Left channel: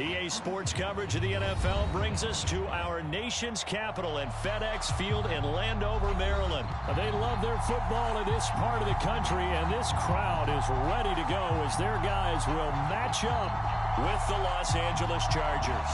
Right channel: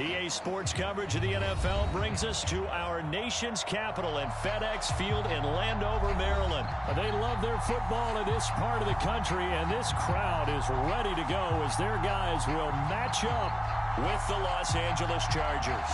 EA Sports coverage of the NFL brings us to our nation's capital at FedEx Field in Landover, Maryland. They love their football in this part of the country, and this crowd is ready to go as their guys will match up with the Los Angeles Chargers.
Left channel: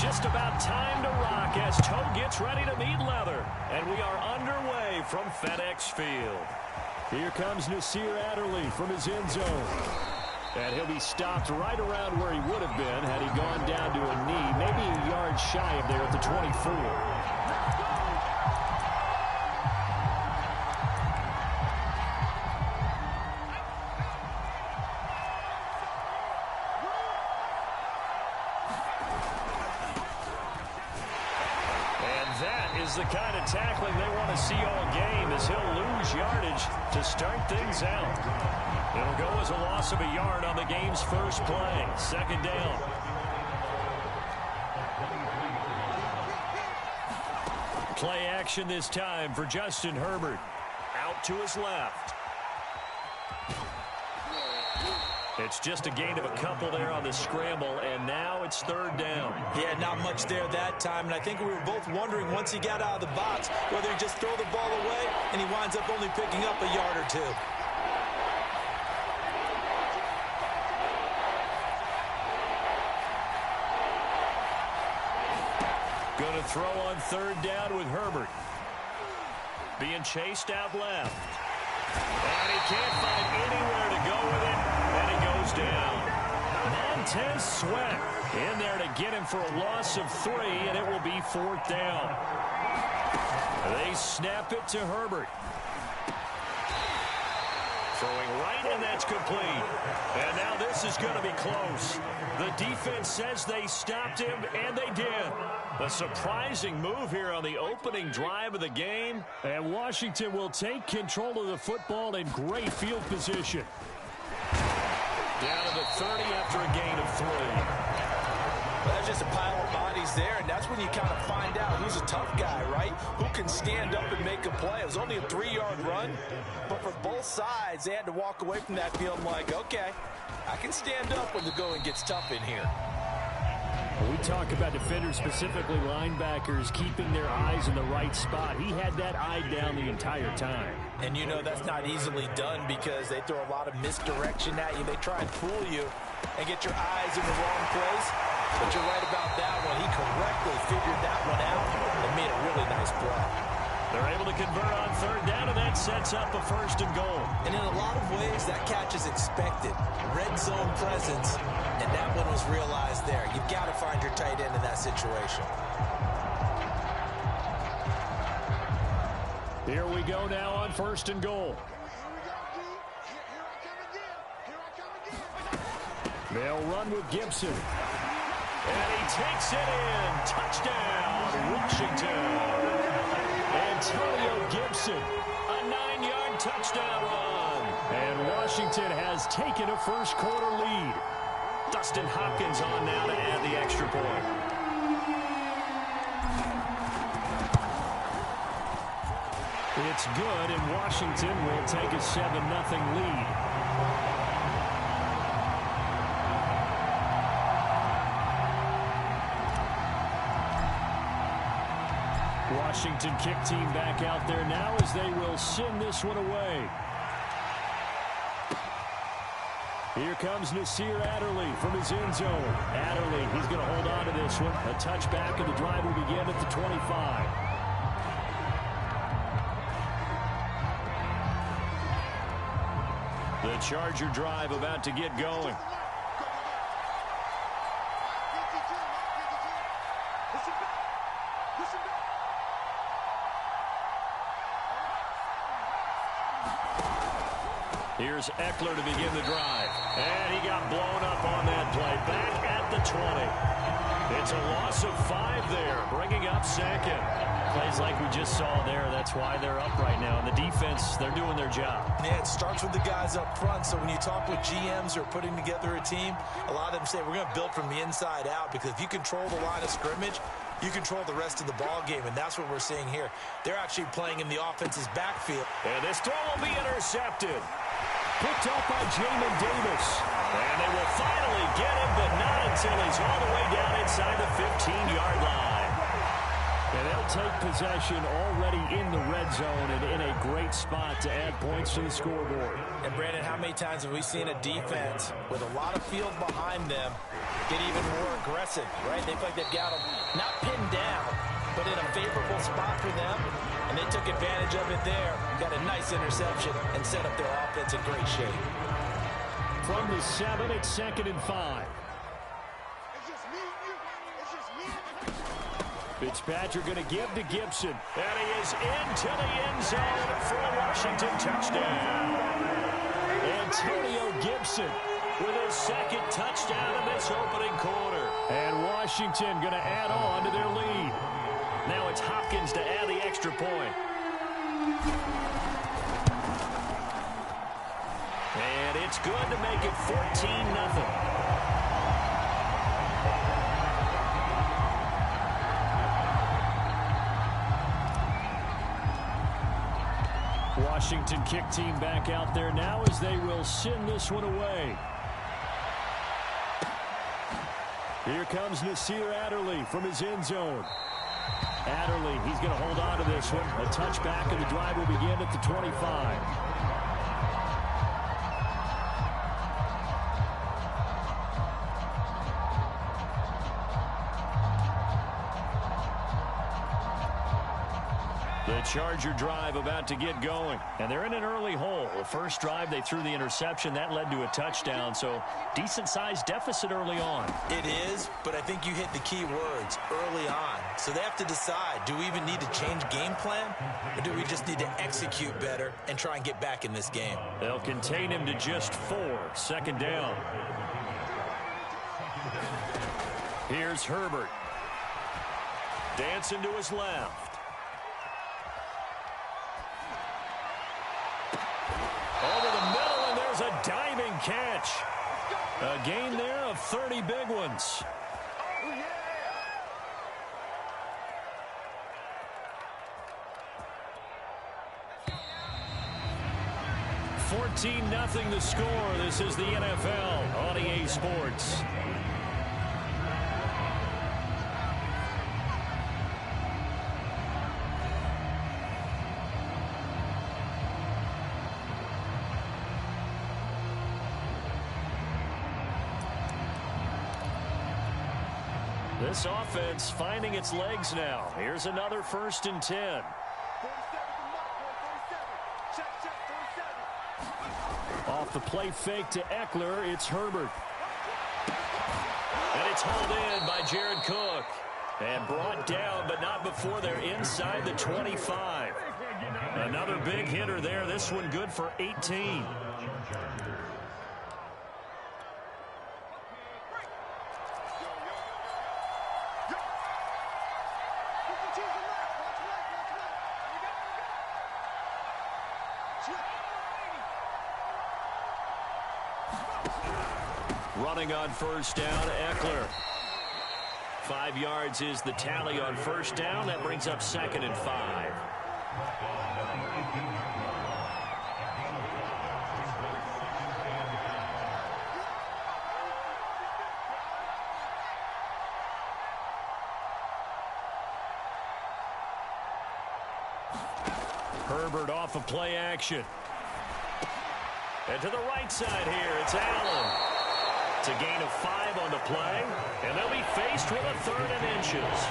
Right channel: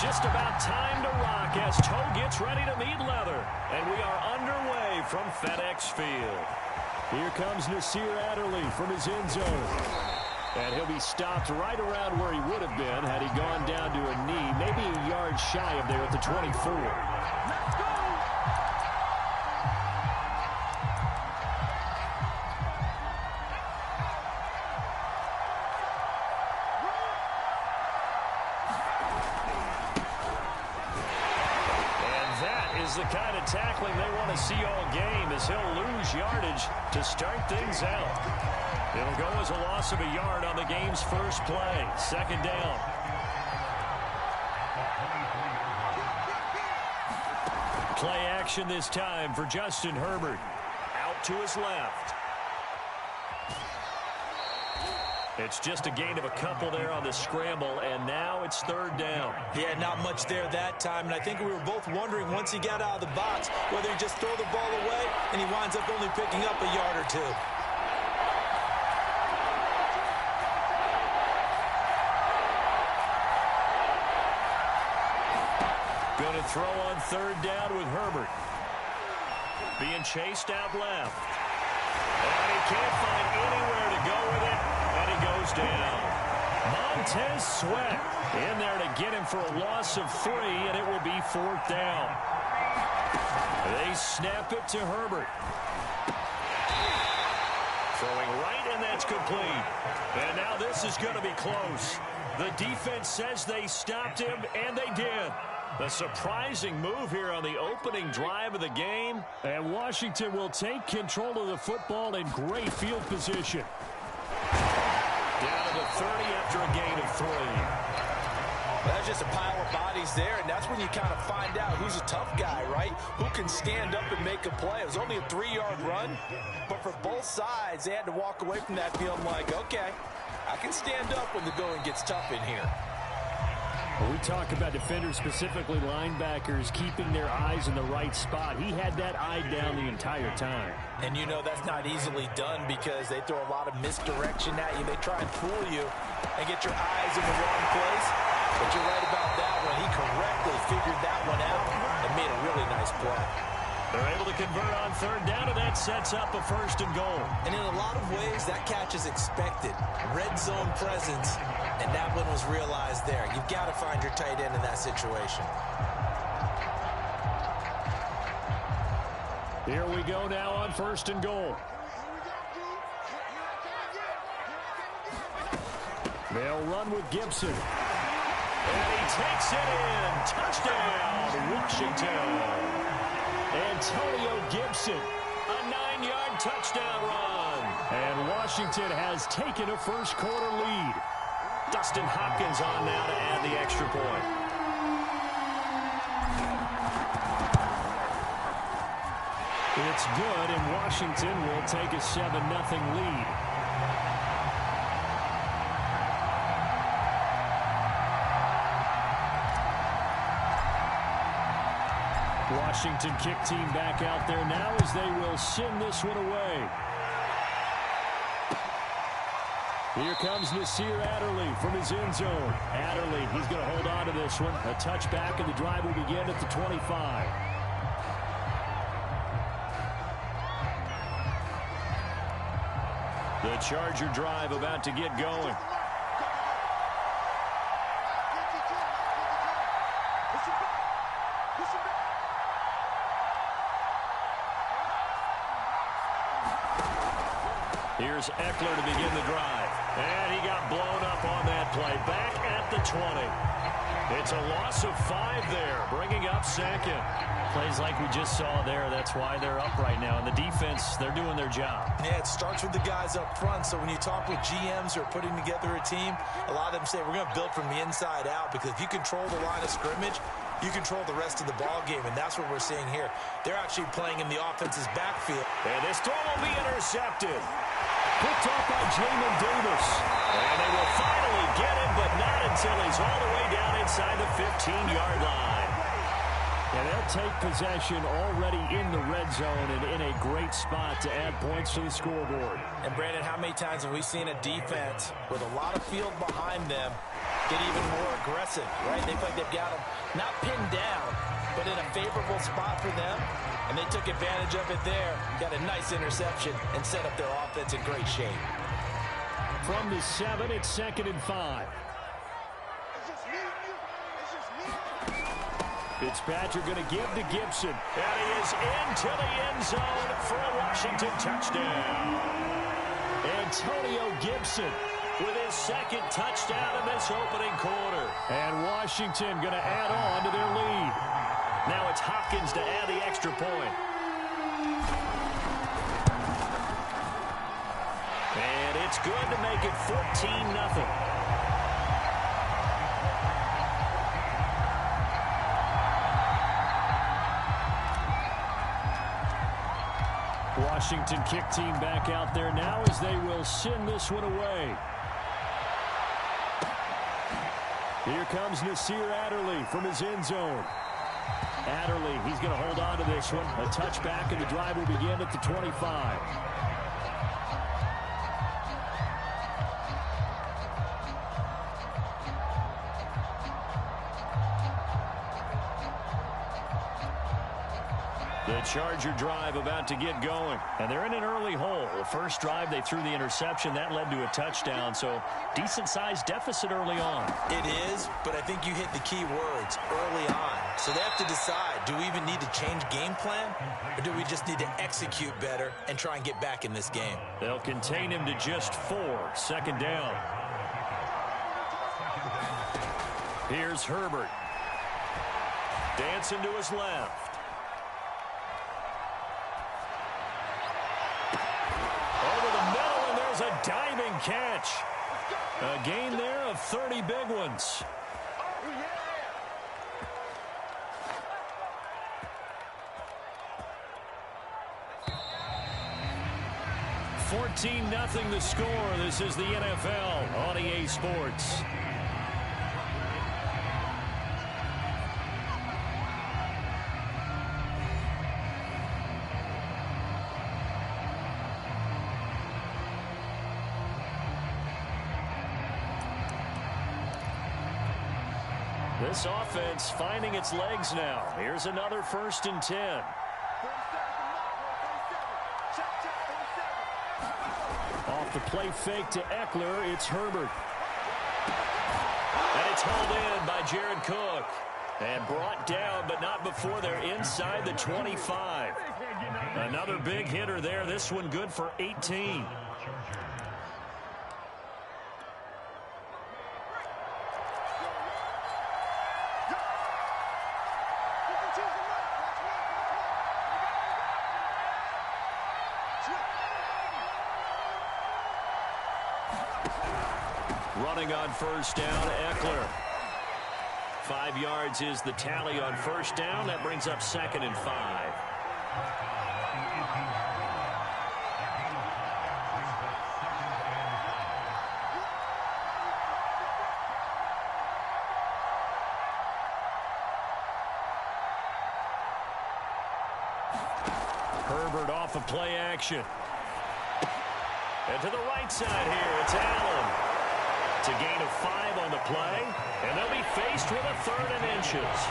Just about time to rock as toe gets ready to meet leather. And we are underway from FedEx Field. Here comes Nasir Adderley from his end zone. And he'll be stopped right around where he would have been had he gone down to a knee, maybe a yard shy of there at the 24. Let's go! The kind of tackling they want to see all game as he'll lose yardage to start things out. It'll go as a loss of a yard on the game's first play. Second down. Play action this time for Justin Herbert. Out to his left. It's just a gain of a couple there on the scramble, and now it's third down. Yeah, not much there that time, and I think we were both wondering once he got out of the box whether he'd just throw the ball away, and he winds up only picking up a yard or two. Going to throw on third down with Herbert. Being chased out left. And he can't find anywhere to go with it. And he goes down. Montez Sweat in there to get him for a loss of 3, and it will be fourth down. They snap it to Herbert. Throwing right, and that's complete. And now this is going to be close. The defense says they stopped him, and they did. A surprising move here on the opening drive of the game. And Washington will take control of the football in great field position. Down to the 30 after a gain of 3. Well, that's just a pile of bodies there, and that's when you kind of find out who's a tough guy, right? Who can stand up and make a play. It was only a 3-yard run, but for both sides, they had to walk away from that feeling like, okay, I can stand up when the going gets tough in here. We talk about defenders, specifically linebackers, keeping their eyes in the right spot. He had that eye down the entire time. And you know that's not easily done because they throw a lot of misdirection at you. They try and fool you and get your eyes in the wrong place. But you're right about that one. He correctly figured that one out and made a really nice play. They're able to convert on third down, and that sets up a first and goal. And in a lot of ways, that catch is expected. Red zone presence, and that one was realized there. You've got to find your tight end in that situation. Here we go now on first and goal. They'll run with Gibson. And he takes it in. Touchdown, Washington. Antonio Gibson, a 9-yard touchdown run. And Washington has taken a first-quarter lead. Dustin Hopkins on now to add the extra point. It's good, and Washington will take a 7-0 lead. Washington kick team back out there now as they will send this one away. Here comes Nasir Adderley from his end zone. Adderley, he's going to hold on to this one. A touchback, and the drive will begin at the 25. The Charger drive about to get going. Here's Eckler to begin the drive. And he got blown up on that play. Back at the 20. It's a loss of 5 there, bringing up second. Plays like we just saw there. That's why they're up right now. And the defense, they're doing their job. Yeah, it starts with the guys up front. So when you talk with GMs who are putting together a team, a lot of them say we're going to build from the inside out, because if you control the line of scrimmage, you control the rest of the ball game, and that's what we're seeing here. They're actually playing in the offense's backfield. And this throw will be intercepted. Picked off by Jamin Davis. And they will finally get him, but not until he's all the way down inside the 15-yard line. And they'll take possession already in the red zone and in a great spot to add points to the scoreboard. And, Brandon, how many times have we seen a defense with a lot of field behind them get even more aggressive, right? They feel like they've got them not pinned down, but in a favorable spot for them, and they took advantage of it there. Got a nice interception and set up their offense in great shape. From the 7, it's 2nd and 5. Fitzpatrick going to give to Gibson. And he is into the end zone for a Washington touchdown. Antonio Gibson With his second touchdown in this opening quarter. And Washington going to add on to their lead. Now it's Hopkins to add the extra point. And it's good to make it 14-0. Washington kick team back out there now as they will send this one away. Here comes Nasir Adderley from his end zone. Adderley, he's going to hold on to this one. A touchback, and the drive will begin at the 25. The Charger drive about to get going. And they're in an early hole. The first drive, they threw the interception. That led to a touchdown. So decent-sized deficit early on. It is, but I think you hit the key words, early on. So they have to decide, do we even need to change game plan? Or do we just need to execute better and try and get back in this game? They'll contain him to just 4. Second down. Here's Herbert. Dancing to his left. Over the middle, and there's a diving catch. A gain there of 30 big ones. Oh, yeah. 14-0 the score. This is the NFL on EA Sports. This offense finding its legs now. Here's another 1st and 10. 47 to Mark, 47. Check, 47. Off the play fake to Eckler, it's Herbert. And it's hauled in by Jared Cook. And brought down, but not before they're inside the 25. Another big hitter there. This one good for 18. Running on 1st down, Eckler. 5 yards is the tally on 1st down. That brings up 2nd and 5. Herbert off of play action. And to the right side here, it's Allen. It's a gain of 5 on the play, and they'll be faced with a 3rd and inches.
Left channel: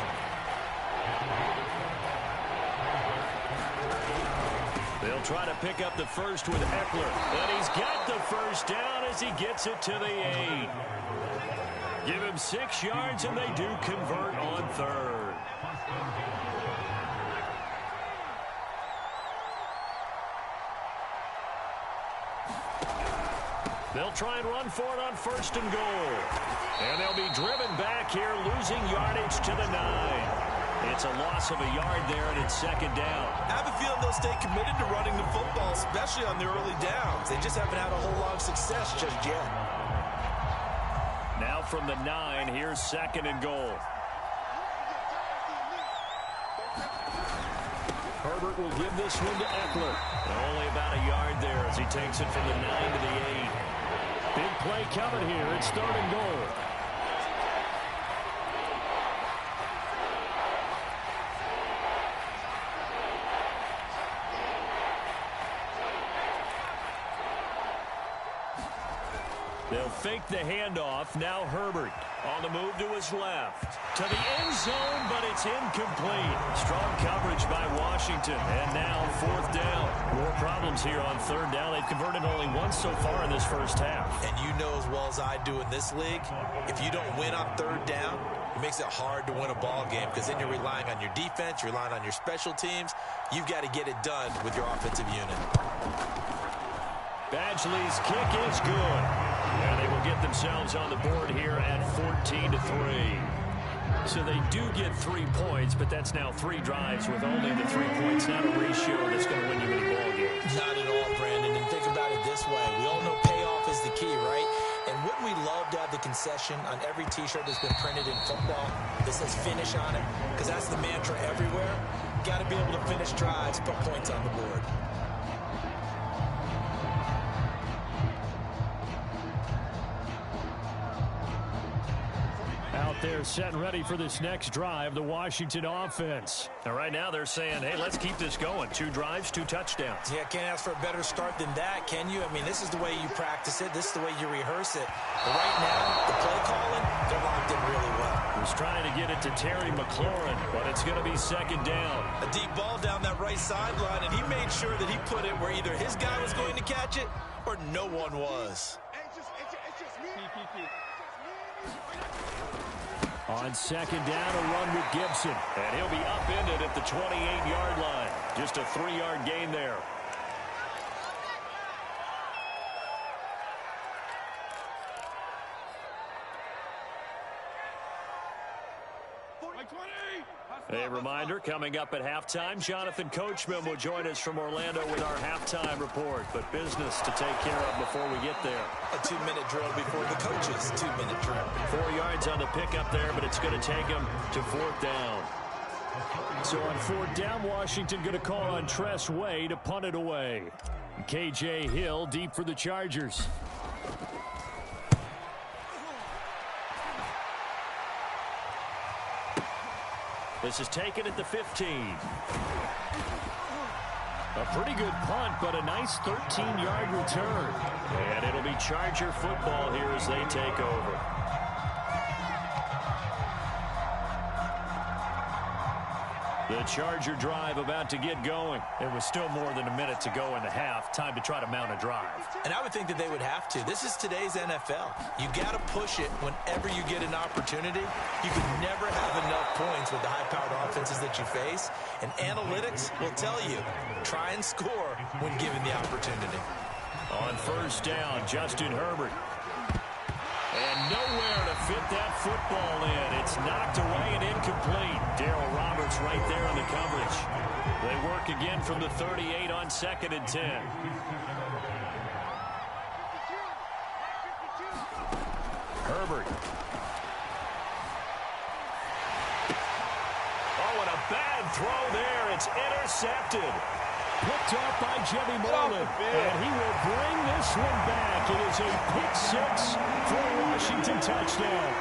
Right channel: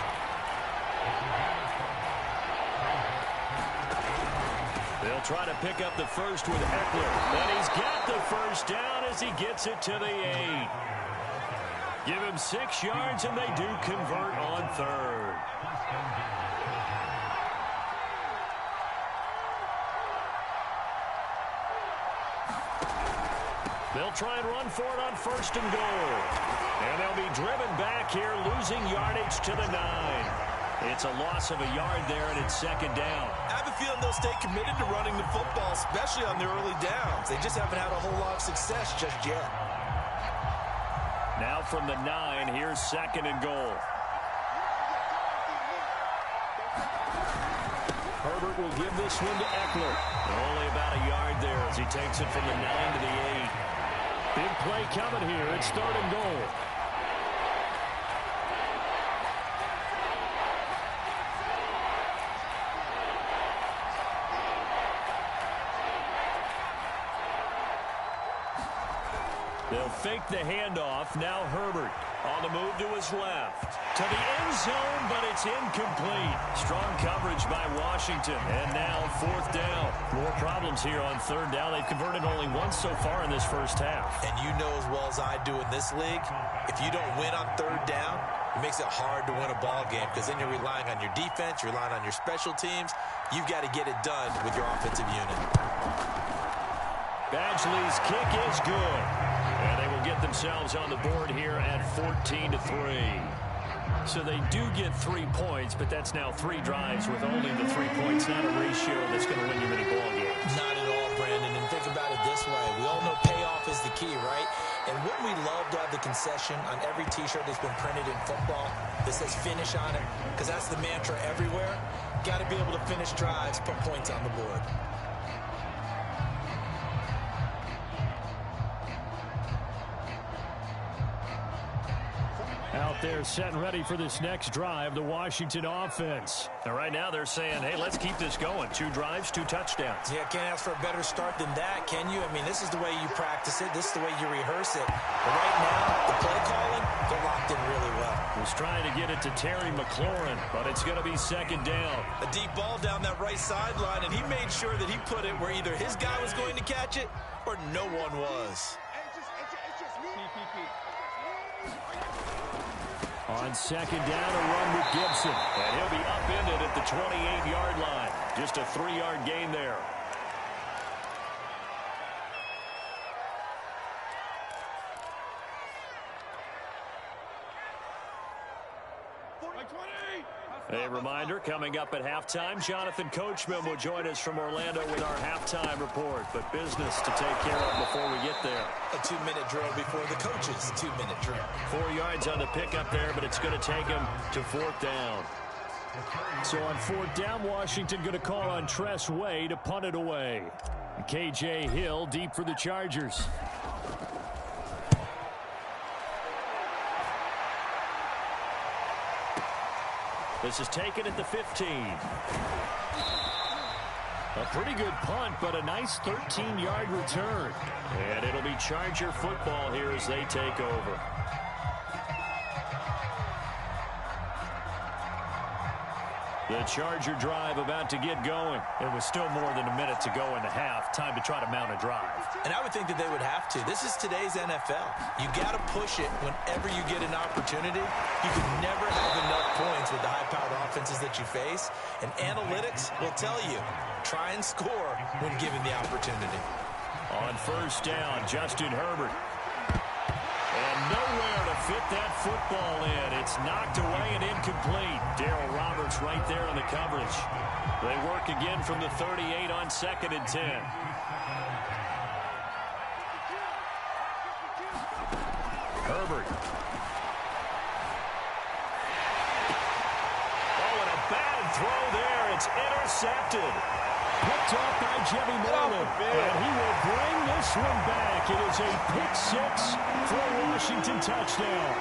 They'll try to pick up the first with Eckler, and he's got the 1st down as he gets it to the 8. Give him 6 yards, and they do convert on 3rd. They'll try and run for it on 1st and goal. And they'll be driven back here, losing yardage to the 9. It's a loss of a yard there, and it's 2nd down. I have a feeling they'll stay committed to running the football, especially on the early downs. They just haven't had a whole lot of success just yet. Now from the 9, here's 2nd and goal. Herbert will give this one to Eckler. Only about a yard there as he takes it from the 9 to the 8. Big play coming here. It's 3rd and goal. They'll fake the handoff. Now Herbert on the move to his left. To the end zone, but it's incomplete. Strong coverage by Washington. And now 4th down. More problems here on 3rd down. They've converted only once so far in this first half. And you know as well as I do in this league, if you don't win on 3rd down, it makes it hard to win a ball game because then you're relying on your defense, you're relying on your special teams. You've got to get it done with your offensive unit. Badgley's kick is good. And they will get themselves on the board here at 14-3. So they do get 3 points, but that's now 3 drives with only the 3 points. Not a ratio that's going to win you many ball games. Not at all, Brandon. And think about it this way. We all know payoff is the key, right? And wouldn't we love to have the concession on every T-shirt that's been printed in football that says finish on it? Because that's the mantra everywhere. Got to be able to finish drives, put points on the board. Out there set and ready for this next drive, the Washington offense. And right now they're saying, hey, let's keep this going. 2 drives, 2 touchdowns. Yeah, can't ask for a better start than that, can you? I mean, this is the way you practice it. This is the way you rehearse it. But right now, the play calling, they're locked in really well. Was trying to get it to Terry McLaurin, but it's going to be 2nd down. A deep ball down that right sideline, and he made sure that he put it where either his guy was going to catch it or no one was. It's just me. On 2nd down, a run with Gibson. And he'll be upended at the 28-yard line. Just a 3-yard gain there. A reminder, coming up at halftime, Jonathan Coachman will join us from Orlando with our halftime report. But business to take care of before we get there. A 2-minute drill before the coach's 2-minute drill. 4 yards on the pickup there, but it's going to take him to 4th down. So on 4th down, Washington going to call on Tress Way to punt it away. KJ Hill deep for the Chargers. This is taken at the 15. A pretty good punt, but a nice 13-yard return. And it'll be Charger football here as they take over. The Charger drive about to get going. It was still more than a minute to go in the half. Time to try to mount a drive. And I would think that they would have to. This is today's NFL. You got to push it whenever you get an opportunity. You can never have enough points with the high-powered offenses that you face. And analytics will tell you, try and score when given the opportunity. On 1st down, Justin Herbert. And nowhere to fit that football in. It's knocked away and incomplete. Darryl Roberts right there on the coverage. They work again from the 38 on 2nd and 10. Herbert. Oh, and a bad throw there. It's intercepted. Picked off by Jimmy Moreland. And he will bring this one back. It is a pick-6 for a Washington touchdown.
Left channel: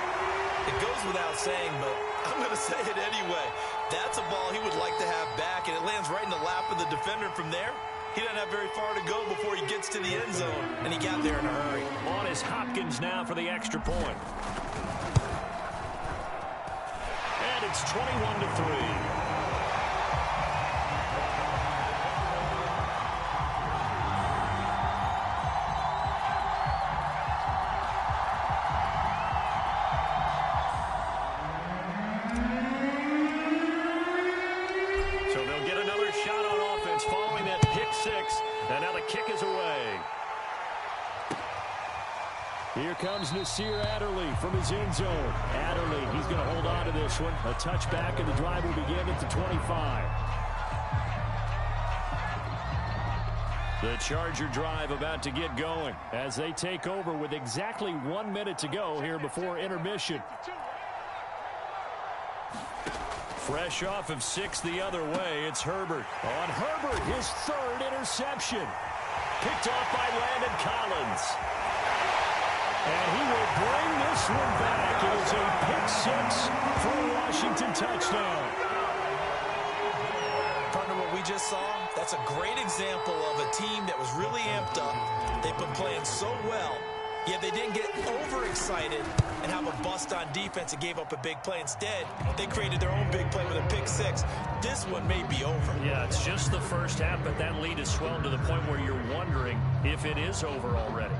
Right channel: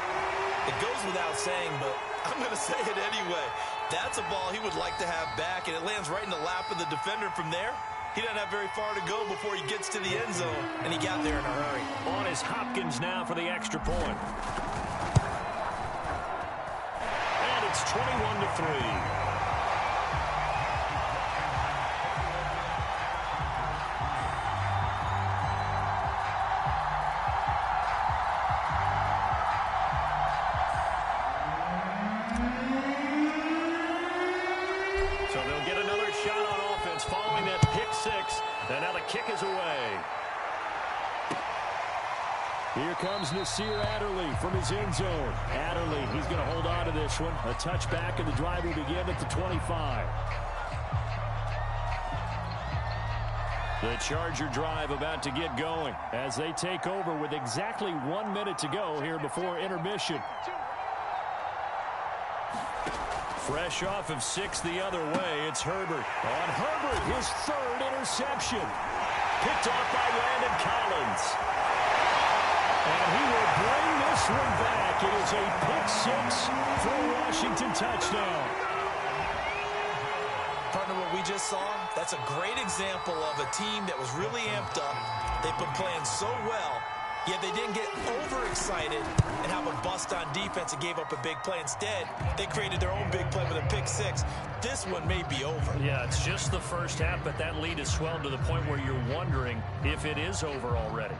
It goes without saying, but I'm going to say it anyway. That's a ball he would like to have back, and it lands right in the lap of the defender from there. He doesn't have very far to go before he gets to the end zone, and he got there in a hurry. On is Hopkins now for the extra point. And it's 21-3. So they'll get another shot on offense following that pick-6. And now the kick is away. Here comes Nasir Adderley from his end zone. Adderley, he's going to hold on to this one. A touchback, and the drive will begin at the 25. The Charger drive about to get going as they take over with exactly 1 minute to go here before intermission. Fresh off of 6 the other way, it's Herbert. On Herbert, his third interception. Picked off by Landon Collins. And he will bring this one back. It is a pick-6 for a Washington touchdown. Partner, what we just saw, that's a great example of a team that was really amped up. They've been playing so well, yet they didn't get overexcited and have a bust on defense and gave up a big play. Instead, they created their own big play with a pick-6. This one may be over. Yeah, it's just the first half, but that lead has swelled to the point where you're wondering if it is over already.